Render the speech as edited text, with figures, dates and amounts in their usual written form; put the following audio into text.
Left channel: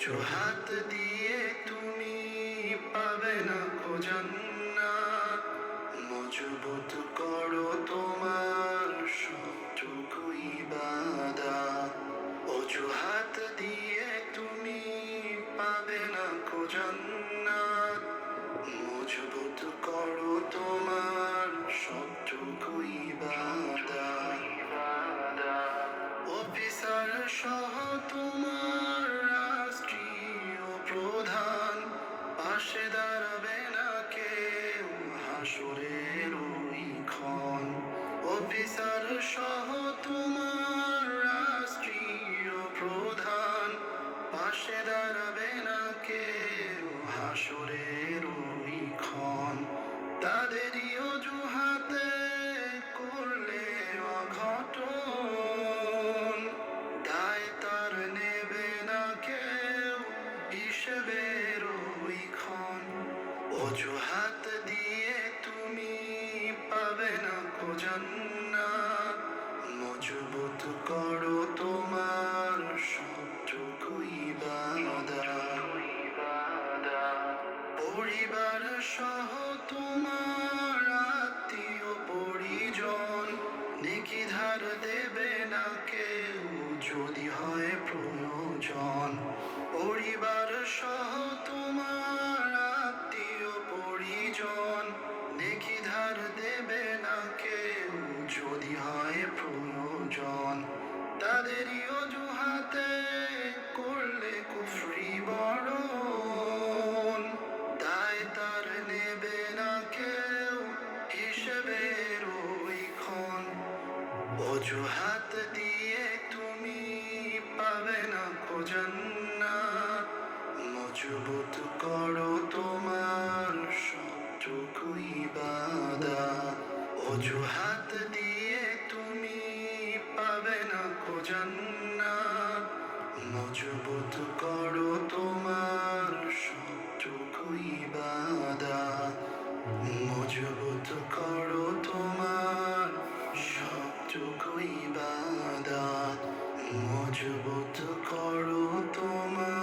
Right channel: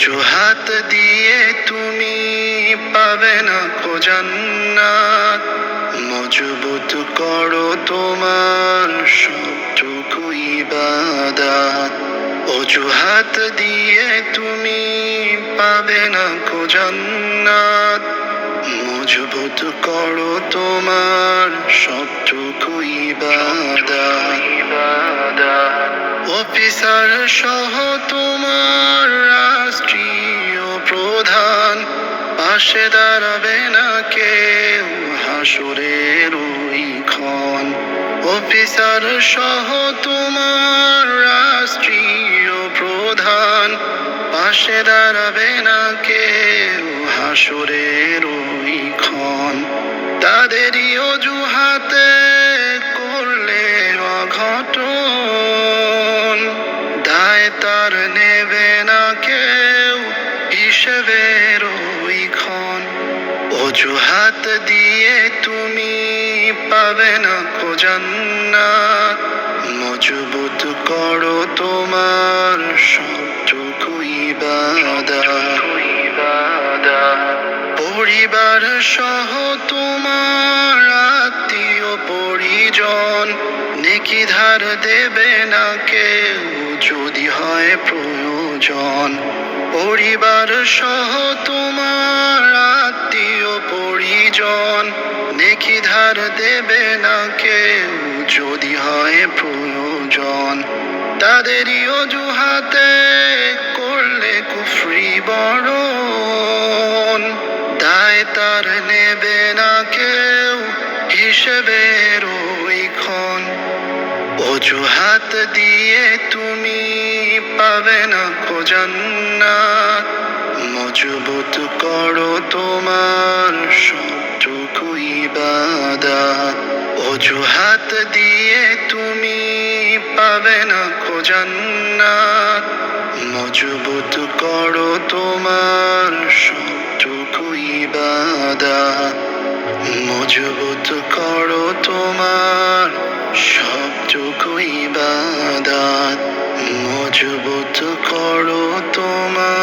অজুহাত দিয়ে তুমি পাবে না কো জান্নাত। মজবুত করো তোমার সবটুকু ইবাদত। অজুহাত দিয়ে তুমি পাবে না কো জান্নাত। মজবুত করো তোমার সবটুকু ইবাদত। অফিসার সহ তোমার রাষ্ট্রীয় প্রধান, পাশে দাঁড়াবে না কেউ হাসরের ওই ক্ষণ। অফিসার সহ তোমার রাষ্ট্রীয় প্রধান, পাশে দাঁড়াবে না কেউ হাসরের ওই ক্ষণ। তাদেরই অজুহাতে করলে অঘটন, দায় তার নেবে না কেউ হিসেবের ওই ক্ষণ। অজুহাত দিয়ে তুমি পাবে না কো জান্নাত। মজবুত করো তোমার সবটুকু ইবাদত। পরিবার সহ তোমার আত্মীয় পরিজন, নেকি ধার দেবে না কেউ যদি হয় প্রয়োজন। পরিবার সহ তোমার আত্মীয় পরিজন, নেকি ধার দেবে না কেউ যদি হয় প্রয়োজন। তাদেরই অজুহাতে করলে কুফরি বরণ, দায় তার নেবে না কেউ হিসেবের ওই ক্ষণ। অজুহাত দিয়ে তুমি পাবে না কো জান্নাত। মজবুত করো তোমার সবটুকু ইবাদত। অজুহাত দিয়ে তুমি পাবে না কো জান্নাত। মজবুত করো তোমার সবটুকু ইবাদত। মজবুত করো তোমার সবটুকু ইবাদত। মজবুত করো তোমার